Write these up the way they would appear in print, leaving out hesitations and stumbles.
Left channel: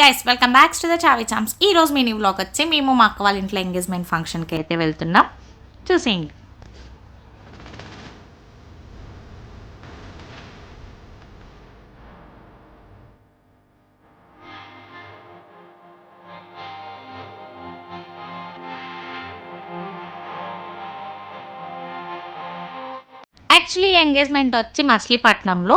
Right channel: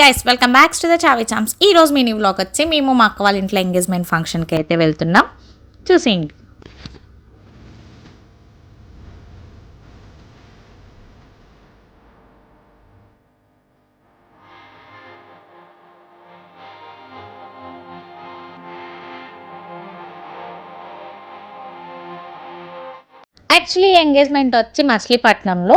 Guys, welcome back to the చావి charms. ఈ రోజు mini vlog వచ్చి మేము మా అక్క వాళ్ళ ఇంట్లో ఎంగేజ్మెంట్ ఫంక్షన్కి అయితే వెళ్తున్నాం. చూసేయండి. యాక్చువల్లీ ఎంగేజ్మెంట్ వచ్చి మచిలీపట్నంలో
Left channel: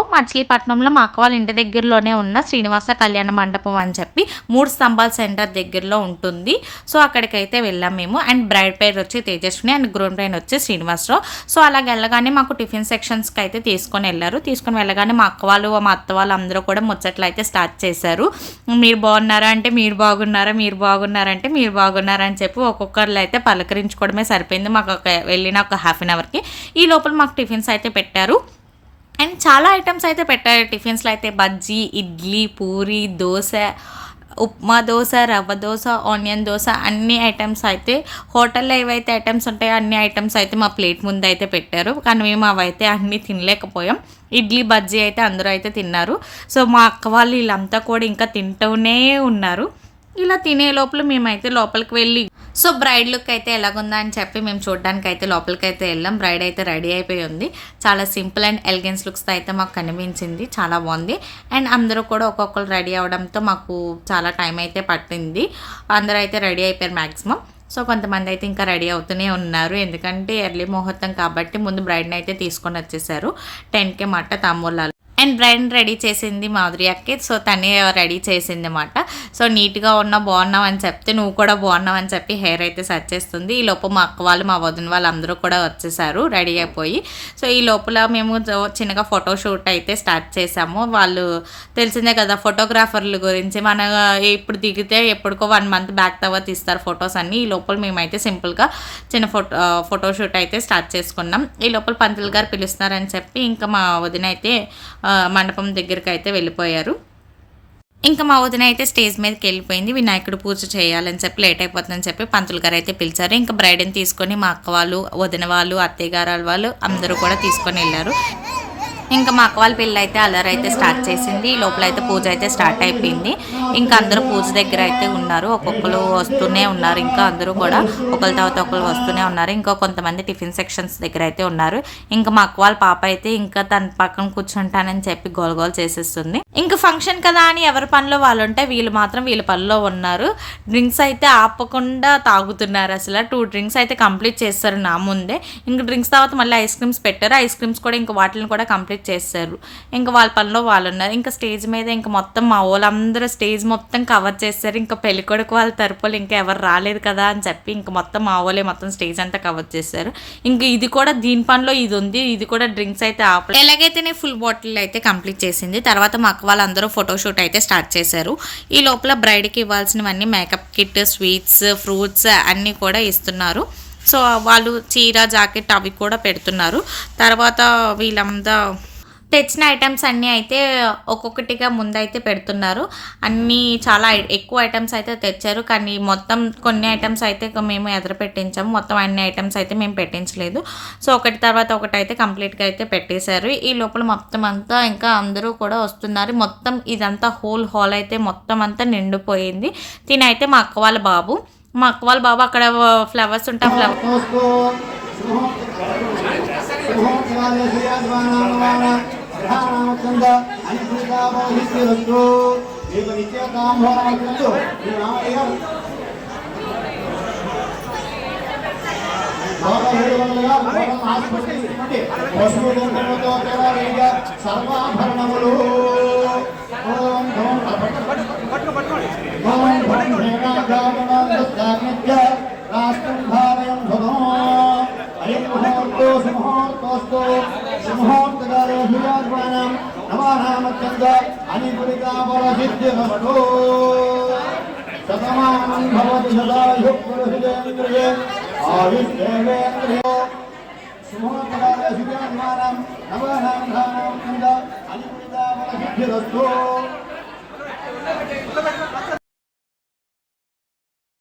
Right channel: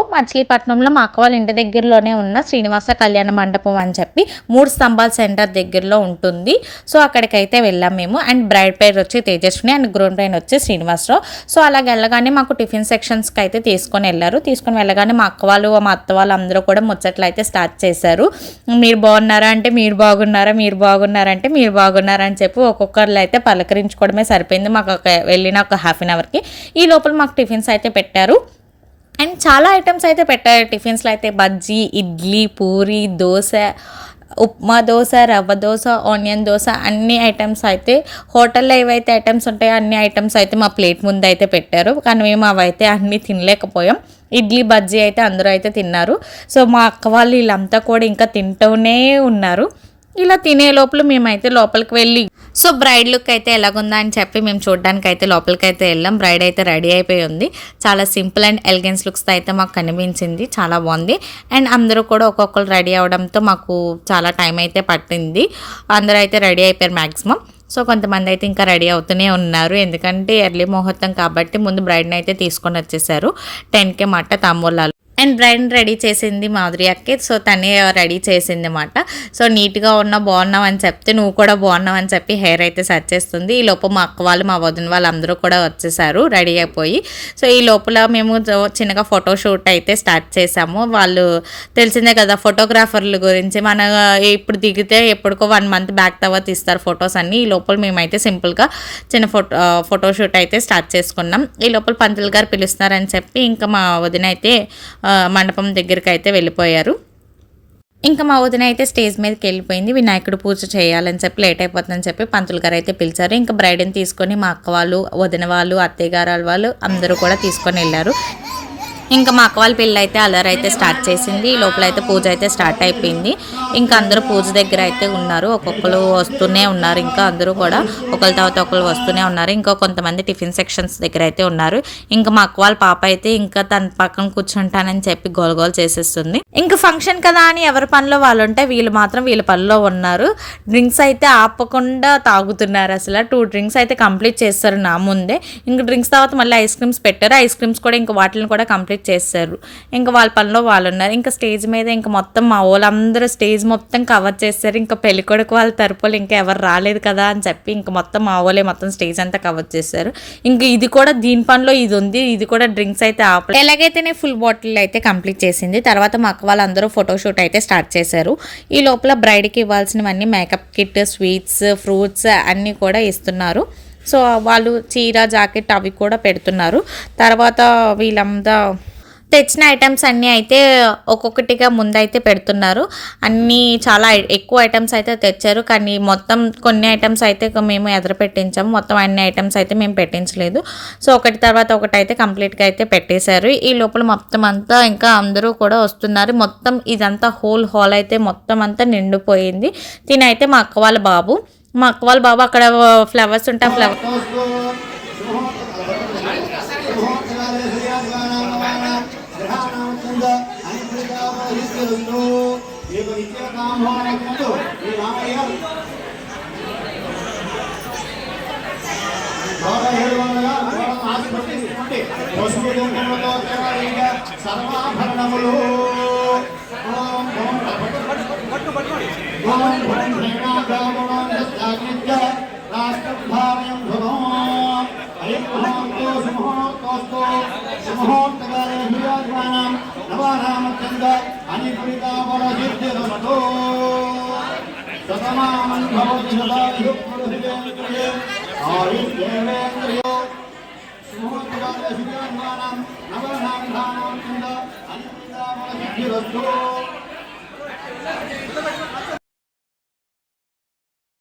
మా అక్క వాళ్ళ ఇంటి దగ్గరలోనే ఉన్న శ్రీనివాస కళ్యాణ మండపం అని చెప్పి 3 స్తంభాల సెంటర్ దగ్గరలో ఉంటుంది. సో అక్కడికైతే వెళ్ళాం మేము. అండ్ బ్రైడ్ పేరు వచ్చి తేజస్విని అండ్ గ్రూమ్ పేరు వచ్చి శ్రీనివాసరావు. సో అలా వెళ్ళగానే మాకు టిఫిన్ సెక్షన్స్కి అయితే తీసుకొని వెళ్ళగానే మా అక్క వాళ్ళు మా అత్త వాళ్ళు అందరూ కూడా ముచ్చట్లు అయితే స్టార్ట్ చేశారు. మీరు బాగున్నారా అంటే మీరు బాగున్నారా, మీరు బాగున్నారంటే మీరు బాగున్నారా అని చెప్పి ఒక్కొక్కరు అయితే పలకరించుకోవడమే సరిపోయింది మాకు వెళ్ళిన ఒక హాఫ్ అన్ అవర్కి. ఈ లోపల మాకు టిఫిన్స్ అయితే పెట్టారు. అండ్ చాలా ఐటమ్స్ అయితే పెట్టారు టిఫిన్స్లో అయితే. బజ్జీ, ఇడ్లీ, పూరి, దోశ, ఉప్మా దోశ, రవ్వ దోశ, ఆనియన్ దోశ, అన్ని ఐటమ్స్ అయితే హోటల్లో ఏవైతే ఐటమ్స్ ఉంటాయో అన్ని ఐటమ్స్ అయితే మా ప్లేట్ ముందు అయితే పెట్టారు. కానీ మేము అవైతే అన్నీ తినలేకపోయాం. ఇడ్లీ, బజ్జీ అయితే అందరూ అయితే తిన్నారు. సో మా అక్క వాళ్ళు వీళ్ళంతా కూడా ఇంకా తింటూనే ఉన్నారు. ఇలా తినే లోపల మేమైతే లోపలికి వెళ్ళి సో బ్రైడ్ లుక్ అయితే ఎలాగుందా అని చెప్పి మేము చూడడానికి అయితే లోపలికి అయితే వెళ్ళాం. బ్రైడ్ అయితే రెడీ అయిపోయి ఉంది. చాలా సింపుల్ అండ్ ఎలిగెన్స్ లుక్స్తో అయితే మాకు కనిపించింది. చాలా బాగుంది. అండ్ అందరూ కూడా ఒక్కొక్కరు రెడీ అవడంతో మాకు చాలా టైం అయితే పట్టింది. అందరూ అయితే రెడీ అయిపోయారు మ్యాక్సిమం. సో కొంతమంది అయితే ఇంకా రెడీ అవుతూనే ఉన్నారు. ఎందుకంటే ఎర్లీ ముహూర్తం కాబట్టి ముందు బ్రైడ్ని అయితే తీసుకొని వచ్చేసారు. 10కే మాట తాంబూలాలు. అండ్ బ్రైడ్ని రెడీ చేసింది మాధురి అక్కే. సో తనే రెడీ చేసింది అన్నమాట. సో నీట్గా బాగున్నావు అని చెప్తే నువ్వు కూడా బాగున్నావు అని చెప్పి హెయిర్ అయితే సెట్ చేస్తుంది. ఈ లోపల మా అక్క వాళ్ళు మా వదిన వాళ్ళు అందరూ కూడా వచ్చేసారు రెడీ అయిపోయి. సో ఈ లోపల మేము చిన్నగా ఫోటోషూట్ అయితే స్టార్ట్ చేసాము. వాళ్ళు తెలిసిందే కదా ఫోటోగ్రాఫర్ల గురించి. మన ఇప్పుడు దిగితే ఎప్పటికో 1 మంత్ బ్యాక్ తర్వాత తీస్తారు ఫొటోస్ అన్ని. ఈ లోపల మేమైతే సింపుల్గా చిన్న ఫోటోషూట్ అయితే స్టార్ట్ చేసుకున్నాం. ఈ లోపల పంతులు గారు పిలుస్తున్నారని చెప్పి ఇంకా మా వదిన అయితే మండపం దగ్గరికి అయితే వెళ్ళిపోయారు. ఇంకా మా వదిన అయితే స్టేజ్ మీదకి వెళ్ళిపోయింది. వినాయకుడు పూజ చేయాలని చెప్పి లేట్ అయిపోతుందని చెప్పి పంతులు గారు అయితే పిలిచారు. ఇంకా బ్రైడ్ని తీసుకొని మా అక్క వాళ్ళు, వదిన వాళ్ళు, అత్తయ్య గారు వాళ్ళు అందరూ కూడా తీసుకొని వెళ్ళారు. ఇంకా మా అక్క వాళ్ళ పిల్ల అయితే అల్లరి అయితే స్టార్ట్ చేసింది. ఈ లోపల అయితే పూజ అయితే స్టార్ట్ అయిపోయింది. ఇంకా అందరూ పూజ దగ్గర అయితే ఉన్నారు. ఒక్కొక్కరు వస్తూనే ఉన్నారు. ఇంకా అందరూ కూడా ఒకరి తర్వాత ఒకరు వస్తూనే ఉన్నారు. ఇంకా కొంతమంది టిఫిన్ సెక్షన్స్ దగ్గర అయితే ఉన్నారు. ఇంకా మా అక్క వాళ్ళ పాప అయితే ఇంకా తన పక్కన కూర్చుంటానని చెప్పి గోల్ చేసేస్తుంది. ఇంకా ఫంక్షన్ కదా అని ఎవరి పనిలో వాళ్ళు ఉంటే వీళ్ళు మాత్రం వీళ్ళ పనిలో ఉన్నారు. డ్రింక్స్ అయితే ఆపకుండా తాగుతున్నారు. అసలు 2 డ్రింక్స్ అయితే కంప్లీట్ చేస్తారు నా ముందే. ఇంకా డ్రింక్స్ తర్వాత మళ్ళీ ఐస్ క్రీమ్స్ పెట్టారు. ఐస్ క్రీమ్స్ కూడా ఇంకా వాటిని కూడా కంప్లీట్ చేస్తారు. ఇంకా వాళ్ళ పనిలో వాళ్ళు ఉన్నారు. ఇంకా స్టేజ్ మీద ఇంకా మొత్తం మా వాళ్ళందరూ స్టేజ్ మొత్తం కవర్ చేస్తారు. ఇంకా పెళ్ళికొడుకు వాళ్ళ తరపులు ఇంకా ఎవరు రాలేదు కదా అని చెప్పి ఇంకా మొత్తం మా వాళ్ళే మొత్తం స్టేజ్ అంతా కవర్ చేశారు. ఇంకా ఇది కూడా దీని పనిలో ఇది ఉంది. ఇది కూడా డ్రింక్స్ అయితే ఆపలేదు. ఎలాగైతేనే ఫుల్ బాటిల్ అయితే కంప్లీట్ చేసింది. తర్వాత మా అక్క వాళ్ళందరూ ఫోటోషూట్ అయితే స్టార్ట్ చేశారు. ఈ లోపల బ్రైడ్కి ఇవ్వాల్సినవన్నీ మేకప్ కిట్, స్వీట్స్, ఫ్రూట్స్ అన్నీ కూడా ఇస్తున్నారు. సో వాళ్ళు చీర, జాకెట్ అవి కూడా పెడుతున్నారు. తర్వాత వీళ్ళంతా తెచ్చిన ఐటమ్స్ అన్నీ అయితే ఒక్కొక్కటిగా ముందైతే పెడుతున్నారు. అన్నీ చాలా ఎక్కువ ఐటమ్స్ అయితే తెచ్చారు. కానీ మొత్తం కొన్ని ఐటమ్స్ అయితే మేము ఎదురు పెట్టించాము. మొత్తం అన్ని ఐటమ్స్ అయితే మేము పెట్టించలేదు. సో ఒకటి తర్వాత ఒకటి అయితే కంప్లీట్గా అయితే పెట్టేశారు. ఈ లోపల మొత్తం అంతా ఇంకా అందరూ కూడా వస్తున్నారు. మొత్తం ఇదంతా హోల్ హాల్ అయితే మొత్తం అంతా నిండిపోయింది. తినైతే మా అక్క వాళ్ళ బాబు అక్కడ ఫ్లవర్స్ ఉంటే ఆ ఫ్లవర్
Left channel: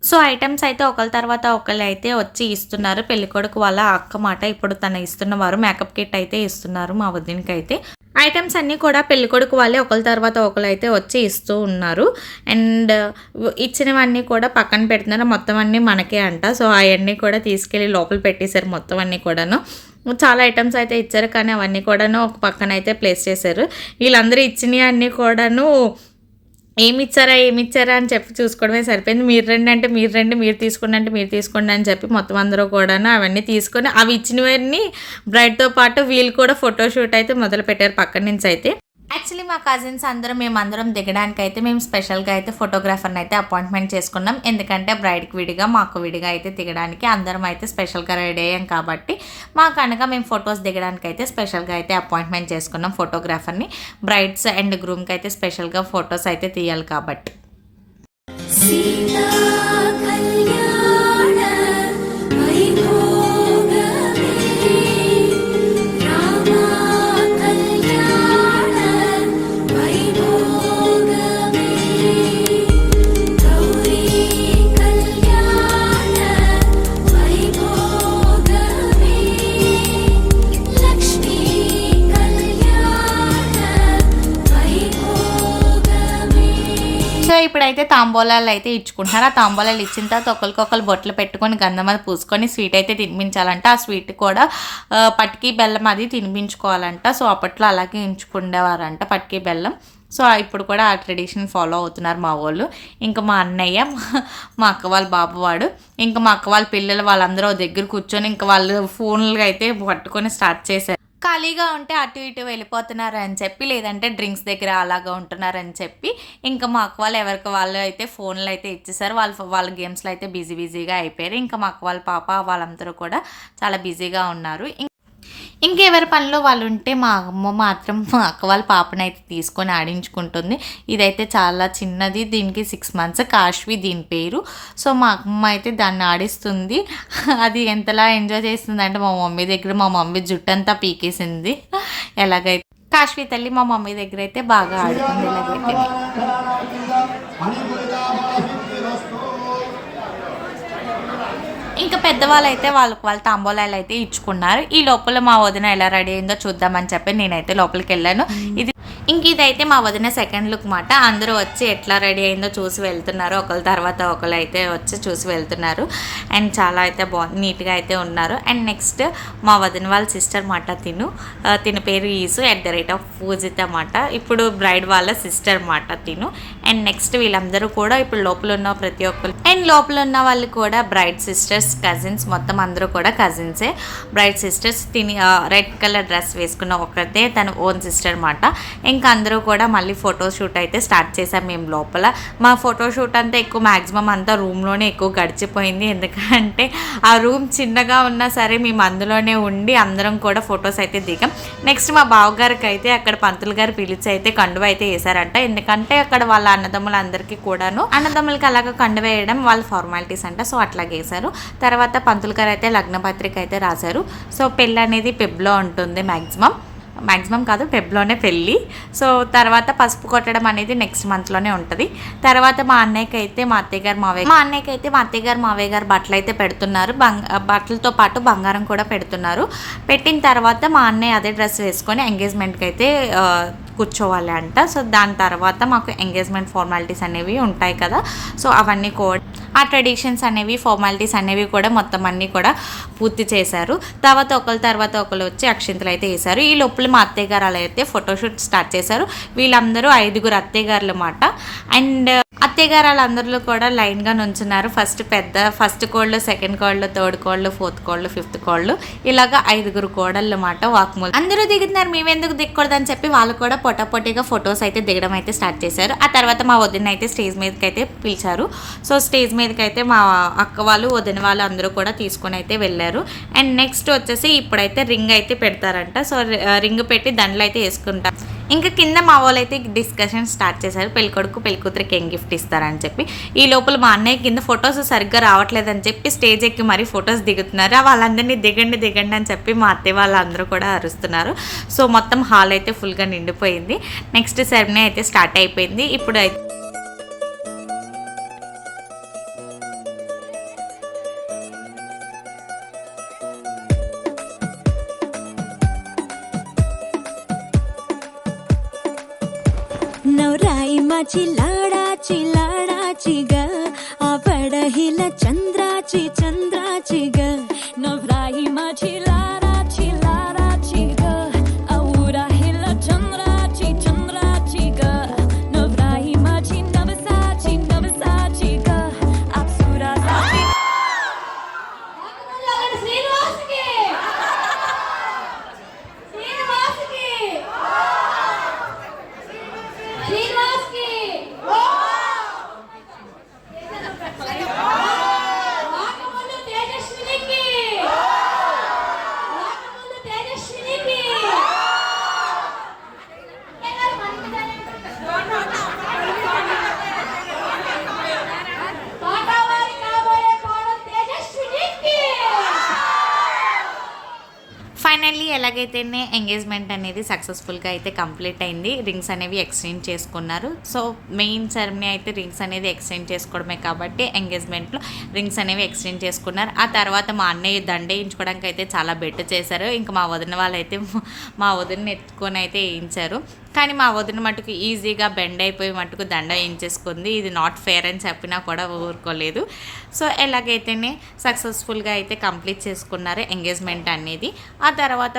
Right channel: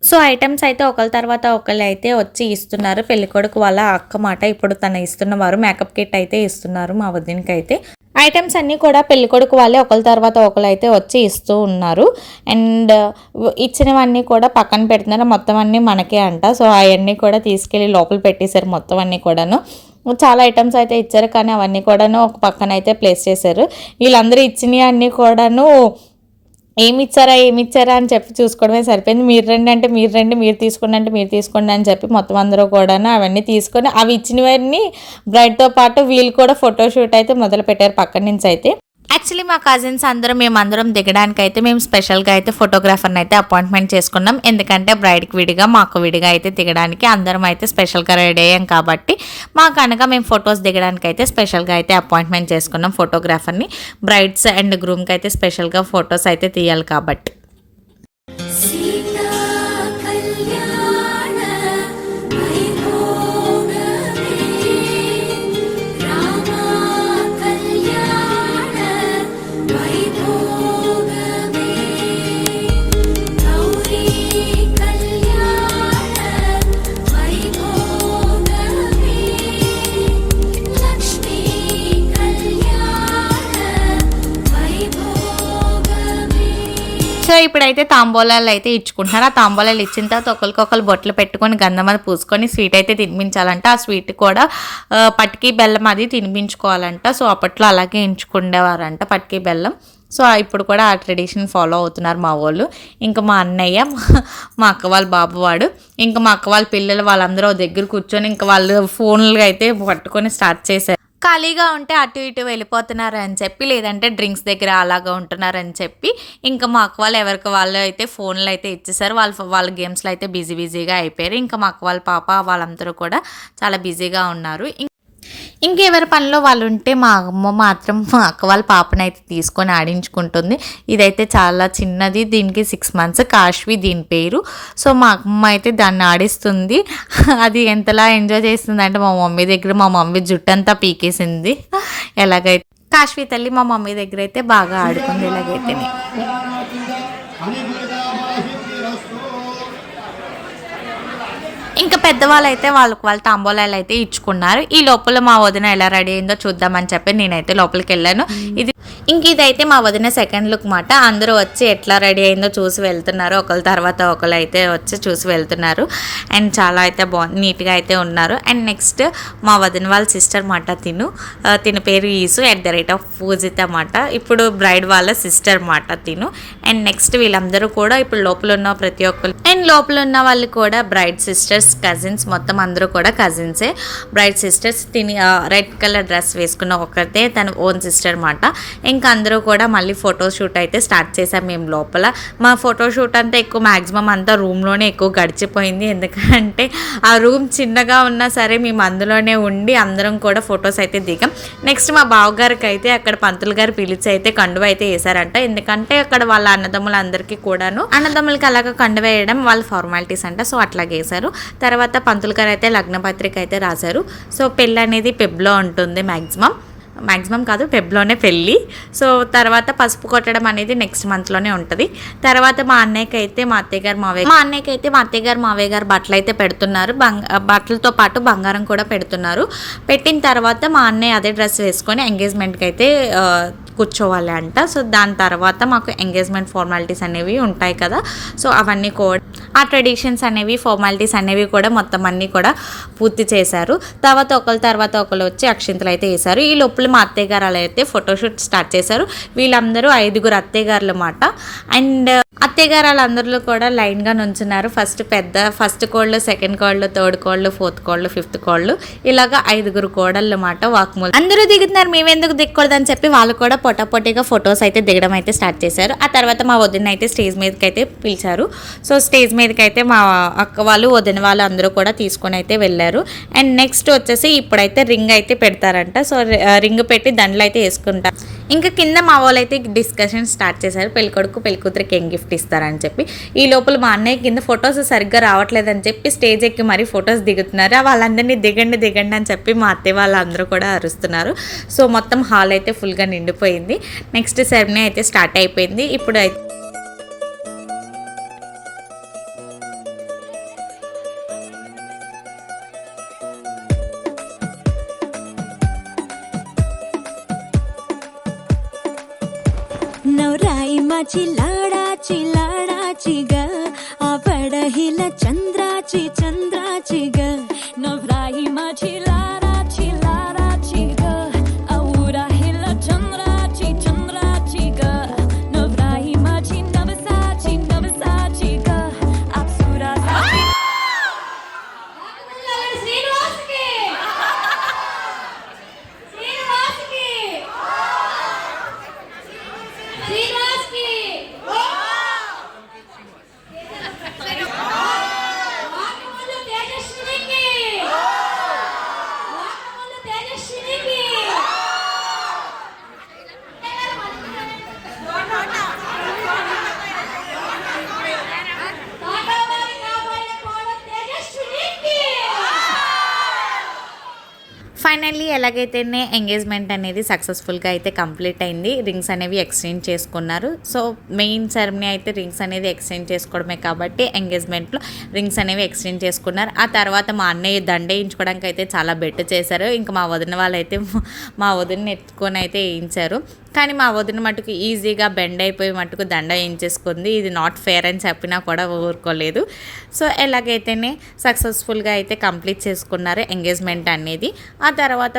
సో ఐటమ్స్ అయితే ఒకరి తర్వాత ఒకళ్ళు అయితే వచ్చి ఇస్తున్నారు. పెళ్ళికొడుకు వాళ్ళ అక్క మాట ఇప్పుడు తను ఇస్తున్నవారు మేకప్ కిట్ అయితే ఇస్తున్నారు మా వదినకి అయితే. ఐటమ్స్ అన్నీ కూడా పెళ్ళికొడుకు వాళ్ళే ఒకరి తర్వాత ఒకరు అయితే వచ్చి ఇస్తూ ఉన్నారు. అండ్ ఇచ్చినవన్నీ కూడా పక్కన పెడుతున్నారు. మొత్తం అన్నీ మనకే అంట. సో అవన్నీ కూడా తీసుకెళ్ళి లోపల పెట్టేశారు మొత్తం అన్నీ కూడాను. చాలా ఐటమ్స్ అయితే ఇచ్చారు, కానీ అవన్నీ కూడాను ఒక పక్కన అయితే ప్లేస్ చేశారు. వీళ్ళందరూ ఇచ్చినవి అన్నీ కూడాను ఏమిచ్చారా అని చెప్పి చూసుకోవడమే సరిపోయింది. మీరు రండి అంటే మీరు రండి, మీరు తీసుకోండి అంటే మీరు తీసుకోండి అని చెప్పి మొత్తం అందరూ కూడాను అవన్నీ తీసుకొని అవి ఇచ్చినవన్నీ బ్రైడ్తో పాటు వీళ్ళు కూడా ఫోటోషూట్ అయితే మొదలు పెట్టారు పక్కన నుంచి అయితే. యాక్చువల్లీ మా కజిన్స్ మేమందరం దిగడానికి అయితే మేము స్పెషల్గా అయితే ఫోటోగ్రాఫర్ని అయితే అపాయింట్మెంట్ చేసుకున్నాం. ఎందుకంటే బ్రైడ్కి విడిగా మాకు విడిగా అయితే దిగడానికి అందరం అయితే స్పెషల్గా రెడీ అయ్యాం కాబట్టి మాకనగా మేము ఫొటోస్ దిగడానికి అయితే స్పెషల్గా అయితే అపాయింట్మెంట్ చేసుకున్నాం ఫోటోగ్రాఫర్ని. బ్రైడ్స్ అండ్ గ్రూమ్కి అయితే స్పెషల్గా ఫొటోస్ అయితే తీయాలి కాబట్టి. సో ఇప్పుడైతే తాంబూలాలు అయితే ఇచ్చుకుంటున్నారు. ఆ తాంబూలాలు ఇచ్చిన తర్వాత ఒకరికొకరు బొట్లు పెట్టుకొని గంధం అది పూసుకొని స్వీట్ అయితే తినిపించాలంట. ఆ స్వీట్ కూడా పటికి బెల్లం అది తినిపించుకోవాలంట. సో అప్పట్లో అలాగే ఎంచుకునేవారంట పటికి బెల్లం. సో ఇప్పుడు కూడా ఆ ట్రెడిషన్ ఫాలో అవుతున్నారు మా వాళ్ళు. ఇంకా మా అన్నయ్య, మా అక్క వాళ్ళ బాబు వాడు, ఇంకా మా అక్క వాళ్ళ పిల్లలు వాళ్ళందరూ దగ్గర కూర్చొని ఇంకా వాళ్ళు ఫోన్లు అయితే పట్టుకొని స్టార్ట్ చేశారు. ఖాళీగా ఉంటే అటు ఇటు వెళ్ళిపోతున్నారు అని చెప్పి, లేదంటే డ్రింక్స్ దగ్గర అలాగా ఉంటున్నారని చెప్పి ఇంకా మా అక్క వాళ్ళు ఎవరికి వాళ్ళు అయితే ఫోన్లు అయితే ఇచ్చేసారు. వాళ్ళ గేమ్స్లో అయితే బిజీగా అయిపోయారు. ఇంకా మా అక్క వాళ్ళ పాప వాళ్ళందరూ కూడా చాలా బిజీగా ఉన్నారు. ఇంకెవరి పనిలో వాళ్ళు ఉంటే మా అమ్మ మాత్రం మా అక్క వాళ్ళ పాపనైతే తీసుకొని ఆడించుకుంటుంది. ఇదైతే చాలా చిన్నది, దీనికి 6 months, కాశ్వి దీని పేరు. సో మా అమ్మ అయితే దాన్ని ఆడిస్తుంది. అది ఎంతలా ఎంజాయ్ చేస్తుంది అంటే మా మమ్మీ దగ్గర మా మమ్మీ జుట్టంతా పీకేసింది. ఎలాగైతే కాశ్వి తల్లి మా మమ్మీ దగ్గర అయితే బాగా ఆడుకుంది. ఇలాగైతే ఇంకా పెద్దవాళ్ళు అయితే వాళ్ళ తాంబూలాలు అయితే ఇచ్చుకున్నారు. ఈ లోపల మా వదిన ఎలా రెడీ అయిందో చూద్దామని చెప్పి నేనైతే లోపలికి వెళ్ళాను. ఇదైతే మా వదిన సెకండ్ లుక్ మాట. అందరూ వచ్చి ఎట్లా రెడీ అయిందో చూసి వెళ్తున్నారు. ఒకరి తర్వాత ఒకరు అయితే వచ్చి చూసి వెళ్తున్నారు. అండ్ చాలా అయితే నీట్గా అయితే ఉన్నారు. అండ్ నెక్స్ట్ మా వదిన వాళ్ళ సిస్టర్ మాట తిన పేరు ఈసు @పూజిత మాట. ఇప్పుడు బ్రైడ్ వాళ్ళ సిస్టర్ మాట తిను. అండ్ నెక్స్ట్ వీళ్ళందరూ కూడా ఇప్పుడు లోపల ఉన్న ప్రతి ఒక్కరు అండ్ లోపల ఉన్న వాళ్ళు కూడా బ్రైడ్ సిస్టర్స్, కజిన్స్, మొత్తం అందరూ కూడా కజిన్సే. Bride sisters red colour dress వేసుకున్న ఒకరితే తన ఓన్ సిస్టర్ మాట. ఇంకా అందరూ కూడా మళ్ళీ ఫోటోషూట్ అయితే స్టార్ట్ చేసాం మేము లోపల. మా ఫోటోషూట్ అంతా ఎక్కువ మ్యాక్సిమం అంతా రూమ్లోనే ఎక్కువ గడిచిపోయింది. ఎందుకంటే ఆ రూమ్ చిన్నగా ఉన్నా సరే మేము అందులోనే ఉండి అందరం కూడా ఫొటోస్ అయితే దిగాం. నెక్స్ట్ మా బావగారికి అయితే అక్కడ పంతులు గారు పిలిచి అయితే కండువ అయితే వేసారంట. ఎందుకంటే అక్కడ వాళ్ళ అన్నదమ్ములందరికీ కూడాను అన్నదమ్ములకి అలాగ కండువ వేయడం వాళ్ళ ఫార్మాలిటీస్ అంట. సో అట్లాగే వేశారు. తర్వాత పంతులు గారు అయితే లగ్నపత్రిక అయితే రాశారు. సో పెళ్ళి అనేది పెబ్లో ఉంటుంది మ్యాక్సిమం కాదు, ఫెబ్లోనే పెళ్ళి. సో తర్వాత పసుపు కొట్టడం అనేది నెక్స్ట్ మంత్లోనే ఉంటుంది. తర్వాత మా అన్నయ్యకి అయితే మా అత్తయ్య గారు మావయ్య గారు బట్టలు అయితే పెడుతున్నారు. బట్టలతో పాటు బంగారం కూడా పెడుతున్నారు. పెట్టిన తర్వాత మా అన్నయ్య అదే డ్రెస్ వేసుకొని ఎంగేజ్మెంట్కి అయితే కూర్చోవాలి అంట. సో దాని తర్వాత మాకు ఎంగేజ్మెంట్ ఫార్మాలిటీస్ అనేవి ఉంటాయి కదా. సో అవన్నీ కూడా ఆ ట్రెడిషన్స్ అనేవి ఫార్మాలిటీస్ అనేవి కూడా మొత్తం అన్నీ కూడా పూర్తి చేశారు. తర్వాత ఒకరు వచ్చి అక్షింతలు అయితే వేశారు. ఈ లోపల మా అత్తయ్య గారు అలా అయితే ఫోటోషూట్ స్టార్ట్ చేశారు. వీళ్ళందరూ 5 అత్తయ్య గారులు అన్నమాట. అండ్ అత్తయ్య గారు వాళ్ళందరిలో కూడా లైన్గా నుంచున్నారు. ఫస్ట్ కోళ్ళు, సెకండ్ కోళ్ళు, థర్డ్ కోళ్ళు, ఫోర్త్ కోళ్ళు, ఫిఫ్త్ కోళ్ళు, ఇలాగా 5 కోడళ్ళు అన్నమాట. వాక్మూల్ అందరూ దిగుతున్నారు, మేమెందుకు దిగకూడదని చెప్పి వాళ్ళు కూడా పొటాపొటిగా ఫొటోస్ అయితే దిగడం అయితే స్టార్ట్ చేశారు. ఆ తర్వాత మా వదిన అయితే స్టేజ్ మీదకి అయితే పిలిచారు. సో స్టేజ్ మీదకి అయితే మా అక్క వాళ్ళు, వదిన వాళ్ళు అందరూ కూడా తీసుకొని అయితే వెళ్ళారు. అండ్ నెక్స్ట్ వచ్చేసి ఇప్పుడైతే రింగ్ అయితే పెడతారంట. సో రింగ్ పెట్టి దండలు అయితే వేసుకుంటారు. ఇంకా కింద మా వాళ్ళు అయితే డిస్కషన్ స్టార్ట్ చేశారు, పెళ్ళికొడుకు పెళ్ళికూతురికి ఏం గిఫ్ట్ ఇస్తారని చెప్పి. ఈ లోపల మా అన్నయ్య కింద ఫొటోస్ సరిగ్గా రావట్లేదని చెప్పి స్టేజ్ ఎక్కి మరీ ఫొటోస్ దిగుతున్నారు. వాళ్ళందరినీ దిగండి అని చెప్పి మా అత్తయ్య వాళ్ళందరూ కూడా అరుస్తున్నారు. సో మొత్తం హాల్ అయితే ఫుల్గా నిండిపోయింది. నెక్స్ట్ సెరమనీ అయితే స్టార్ట్ అయిపోయింది. ఇప్పుడు नवराई माझी लाडाची लाडाची ग आवड हिला चंद्राची चंद्राची ग नवराई माझी लाडाची लाडाची ग आवड हिला चंद्राची चंद्राची ग नवराई माझी नवसाची नवसाची ग अप्सराची ఫైనల్లీ ఎలాగైతేనే ఎంగేజ్మెంట్ అనేది సక్సెస్ఫుల్గా అయితే కంప్లీట్ అయింది. రింగ్స్ అనేవి ఎక్స్చేంజ్ చేసుకున్నారు. సో మెయిన్ సెరమనీ అయితే రింగ్స్ అనేది ఎక్స్చేంజ్ చేసుకోవడమే కాబట్టి ఎంగేజ్మెంట్లో రింగ్స్ అనేవి ఎక్స్చేంజ్ చేసుకున్నారు. ఆ తర్వాత మా అన్నయ్య దండ వేయించుకోవడానికి అయితే చాలా బెట్ చేశారు. ఇంకా మా వదిన వాళ్ళైతే మా వదిన ఎత్తుకొని అయితే వేయించారు. కానీ మా వదిన మటుకు ఈజీగా బెండ్ అయిపోయి మటుకు దండ వేయించేసుకుంది. ఇది నాట్ ఫేర్ అని చెప్పినా కూడా ఊరుకోలేదు. సో ఎలాగైతేనే సక్సెస్ఫుల్గా అయితే కంప్లీట్ చేసుకున్నారు ఎంగేజ్మెంట్ అనేది. ఆ తర్వాత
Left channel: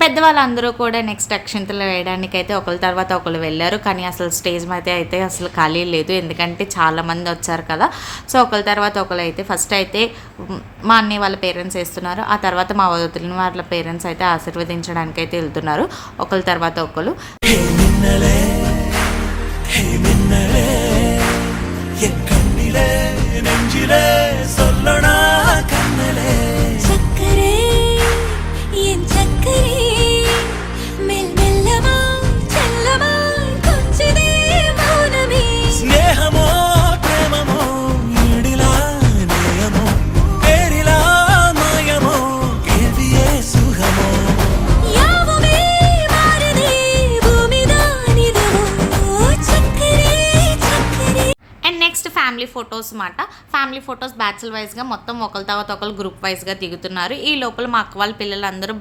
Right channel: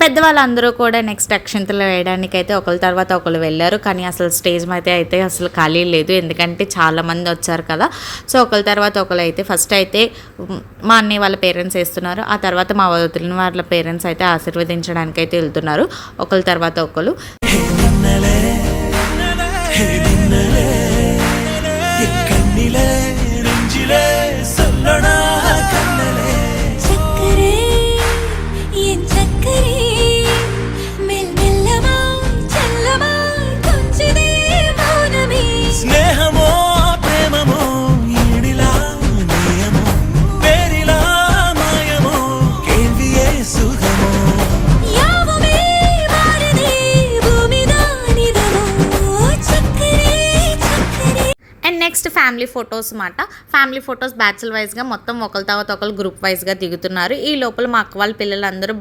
పెద్దవాళ్ళందరూ కూడా నెక్స్ట్ అక్షింతలు వేయడానికి అయితే ఒకరి తర్వాత ఒకరు వెళ్ళారు. కానీ అసలు స్టేజ్ మీద అయితే అసలు ఖాళీ లేదు, ఎందుకంటే చాలామంది వచ్చారు కదా. సో ఒకరి తర్వాత ఒకరు అయితే ఫస్ట్ అయితే మా అన్నయ్య వాళ్ళ పేరెంట్స్ వేస్తున్నారు. ఆ తర్వాత మా వదిన వాళ్ళ పేరెంట్స్ అయితే ఆశీర్వదించడానికి అయితే వెళ్తున్నారు ఒకరి తర్వాత ఒకరు. చక్కరే ఎన్ చక్కరే మెల్లమెల్లమాయ్ చల్లమాయ్ కొంచెమే మౌనమే స్నేహమో ప్రేమమో ఈడిలా నేయమో పేరిలా మాయమో కేవియే సుఖమో యావమే మారదే భూమిదానిదమో చక్కరే చక్కరే. అండ్ నెక్స్ట్ ఫ్యామిలీ ఫొటోస్ మాట. ఫ్యామిలీ ఫొటోస్ బ్యాచ్ల వైజ్గా మొత్తం ఒకరి తర్వాత ఒకరు గ్రూప్ వైజ్గా దిగుతున్నారు. ఈ లోపల మా అక్క వాళ్ళ పిల్లలందరూ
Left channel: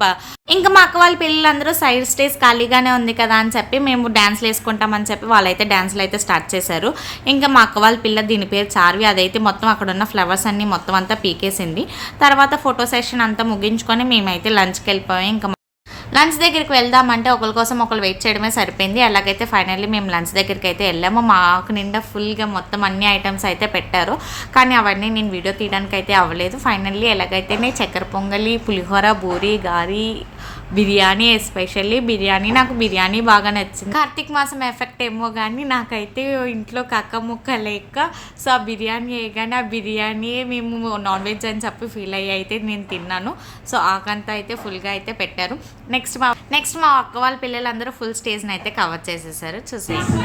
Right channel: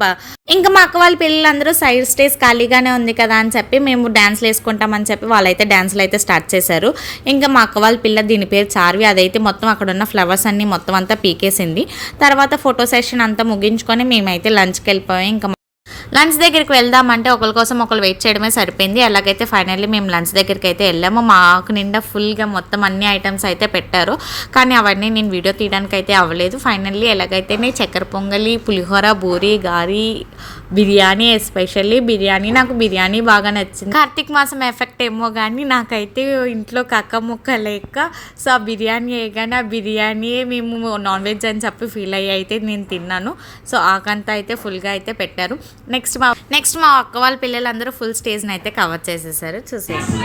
మా అక్క వాళ్ళ పిల్లలందరూ సైడ్ స్టేజ్ ఖాళీగానే ఉంది కదా అని చెప్పి మేము డ్యాన్స్లు వేసుకుంటామని చెప్పి వాళ్ళైతే డ్యాన్స్లు అయితే స్టార్ట్ చేశారు. ఇంకా మా అక్క వాళ్ళ పిల్ల, దీని పేరు చార్వి, అదైతే మొత్తం అక్కడ ఉన్న ఫ్లవర్స్ అన్నీ మొత్తం అంతా పీకేసింది. తర్వాత ఫోటో సెషన్ అంతా ముగించుకొని మేమైతే లంచ్కి వెళ్ళిపోయాం. ఇంకా లంచ్ దగ్గరికి వెళ్దామంటే ఒకరి కోసం ఒకరు వెయిట్ చేయడమే సరిపోయింది. అలాగైతే ఫైనల్లీ మేము లంచ్ దగ్గరికి అయితే వెళ్ళాము. మాకు నిండా ఫుల్గా మొత్తం అన్ని ఐటమ్స్ అయితే పెట్టారు, కానీ అవన్నీ నేను వీడియో తీయడానికి అయితే అవ్వలేదు. ఫైనల్లీ ఎలాగైతేనే చక్కెర పొంగలి, పులిహోర, బూరి, గారి, బిర్యానీ, ఎస్పెషల్లీ బిర్యానీ. నాకు బిర్యానీ బాగా నచ్చింది. కార్తీక మాసం ఎఫెక్ట్ ఏమో కానీ నాకైతే ఇంట్లో కక్క ముక్క లేక సో ఆ బిర్యానీ వేయగానే ఆ బిర్యానీయే మేము నాన్ వెజ్ అని చెప్పి ఫీల్ అయ్యి అయితే నేను తిన్నాను. సో ఆకంతా అయితే ఫుల్గా అయితే పెట్టారు. నెక్స్ట్ మా అక్క వాళ్ళ పిల్లలందరూ ఫుల్ స్టేజ్ని అయితే కవర్ చేసేసారు. చూసేసి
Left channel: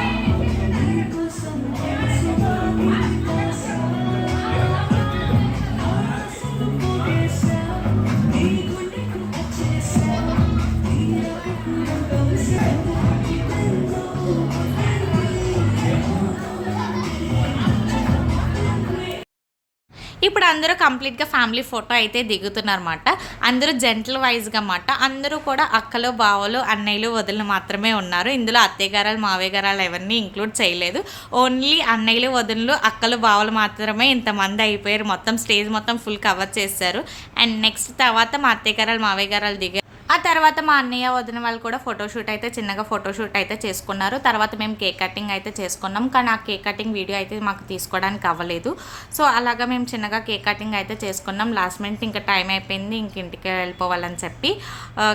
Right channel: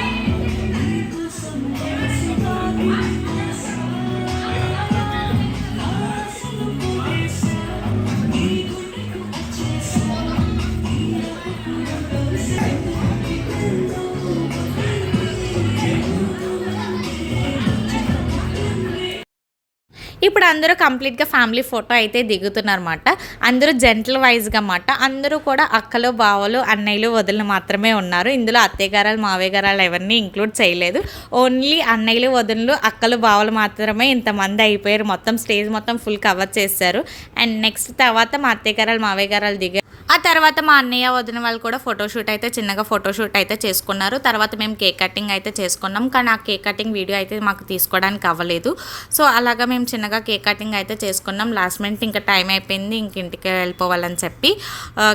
ఇప్పుడు అందరూ కంప్లీట్గా ఫ్యామిలీ ఫోటో అయితే దిగుతున్నారన్నమాట. అందరూ జెంటల్ వైజ్గా అన్నమాట. అందరూ కూడా అక్కలు, బావలు, అన్నయ్యలు, వదిలు మాత్రమే ఉన్నారు. ఇందులో అత్తయ్య గారాలు, మావయ్య గారాలు ఎవరిని ఇంక్లూడ్ చేయలేదు. ఓన్లీ అన్నయ్యలు, వదిలు, అక్కలు, బావలు మాత్రమే ఇంతమంది అయిపోయారు. మొత్తం స్టేజ్ మొత్తం ఫుల్ కవర్ చేశారు. అండ్ నెక్స్ట్ తర్వాత మా అత్తయ్య గారాలు, మావయ్య గారాలు దిగారు. ఆ తర్వాత మా అన్నయ్య, వదిన వాళ్ళు కూడా ఫోటోషూట్ అయితే చిన్నగా ఫోటోషూట్ అయితే చేసుకున్నారు. తర్వాత మేము కేక్ కటింగ్ అయితే చేసుకున్నాం, కానీ ఆ కేక్ కటింగ్ వీడియో అయితే మాకు తీసుకోవడానికి అవ్వలేదు. సో అలాగా మేము చిన్నగా కేక్ కటింగ్ అయితే చేసుకున్నాం. లాస్ట్ మినిట్ ఇంకా టైం అయిపోయింది, ఇంక ఇంటికి వెళ్ళిపోవాలని చెప్పి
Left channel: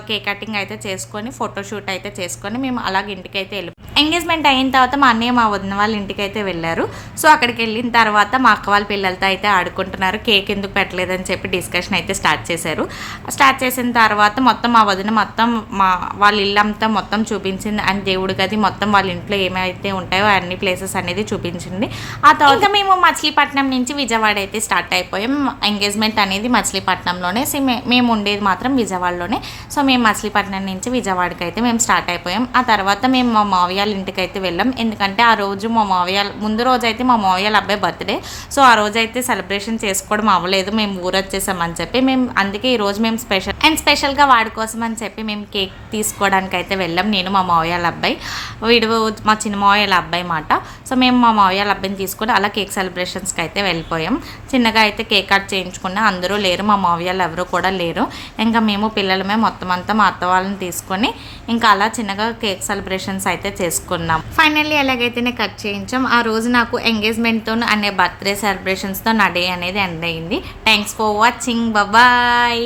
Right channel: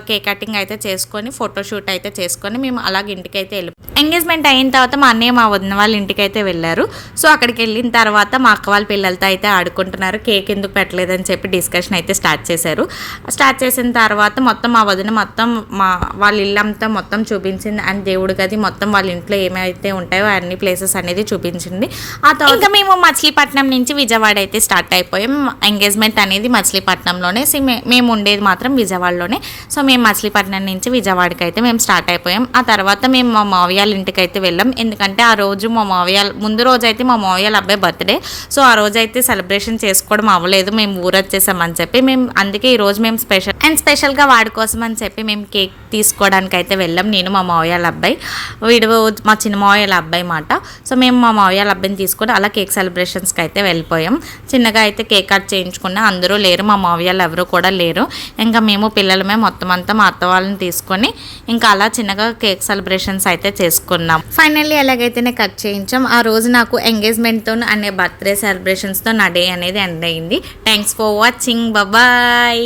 కేక్ కటింగ్ అయితే చేసుకొని ఫోటోషూట్ అయితే చేసుకొని మేము అలాగే ఇంటికి అయితే ఎంగేజ్మెంట్ అయిన తర్వాత మా అన్నయ్య, మా వదిన వాళ్ళ ఇంటికి అయితే వెళ్ళారు. సో అక్కడికి వెళ్ళిన తర్వాత మా అక్క వాళ్ళ పిల్లలతో అయితే ఆడుకుంటున్నారు. కేక్ ఎందుకు పెట్టలేదని చెప్పి డిస్కషన్ అయితే స్టార్ట్ చేశారు. స్టార్ట్ చేసిన తర్వాత మొత్తం మా వదిన మొత్తం వాళ్ళ ఇల్లంతా మొత్తం చూపించింది. అండ్ దేవుడి గది మొత్తం వాళ్ళ ఇంట్లో ఏమైతే ఉంటాయో అన్ని ప్లేసెస్ అనేది చూపించింది. ఆ తర్వాత మేము మచిలీపట్నం నుంచి విజయవాడ అయితే స్టార్ట్ అయిపోయాం. ఎంగేజ్మెంట్ అనేది మచిలీపట్నంలోనే, మేము ఉండేది మాత్రం విజయవాడలోనే. సో మేము మచిలీపట్నం నుంచి విజయవాడకి అయితే మేము స్టార్ట్ అయిపోయాం. ఆ తర్వాత మేము మా మావయ్య ఇంటికి అయితే వెళ్ళాం. ఎందుకంటే ఆ రోజు మా మావయ్య ముందు రోజు అయితే మా మావయ్య అబ్బాయి బర్త్డే. సో ఆ రోజు అయితే సెలబ్రేషన్ చేసుకోవడం అవ్వలేదు, మేము ఊరు వచ్చేసామని చెప్పి అందుకే ఈరోజు మేము స్పెషల్ అండ్ స్పెషల్గా వాడి కోసం అని చెప్పి మేము కేక్ తీసుకోవడానికి అయితే వెళ్ళాం. నేను మా మావయ్యల అబ్బాయి, వీడు మా చిన్న మావయ్యల అబ్బాయి మాట. సో మేము మా మావయ్యల అబ్బాయిని తీసుకొని అలా కేక్ సెలబ్రేషన్స్కి అయితే వెళ్ళిపోయాం. చిన్నగా అయితే కేక్ కట్ చేయించుకున్నా, అందరూ లేరు, మా మావయ్యలు ఎవరు కూడా లేరు. ఇంకా మేము పిల్లలమే మొత్తం అంతా మా అత్త వాళ్ళని తీసుకొని ఇంకా అలా చిన్నగా కేక్ సెలబ్రేషన్స్ అయితే చేసుకున్నాం. ఫైనల్లీ ఎలాగైతేనే కట్ చేయించాం. ఆ రోజు నాకు ఎంగేజ్మెంట్తో అనే బర్త్డే సెలబ్రేషన్స్తో నా డే అనేది ఎండ్ అయింది. Thanks for watching, bye.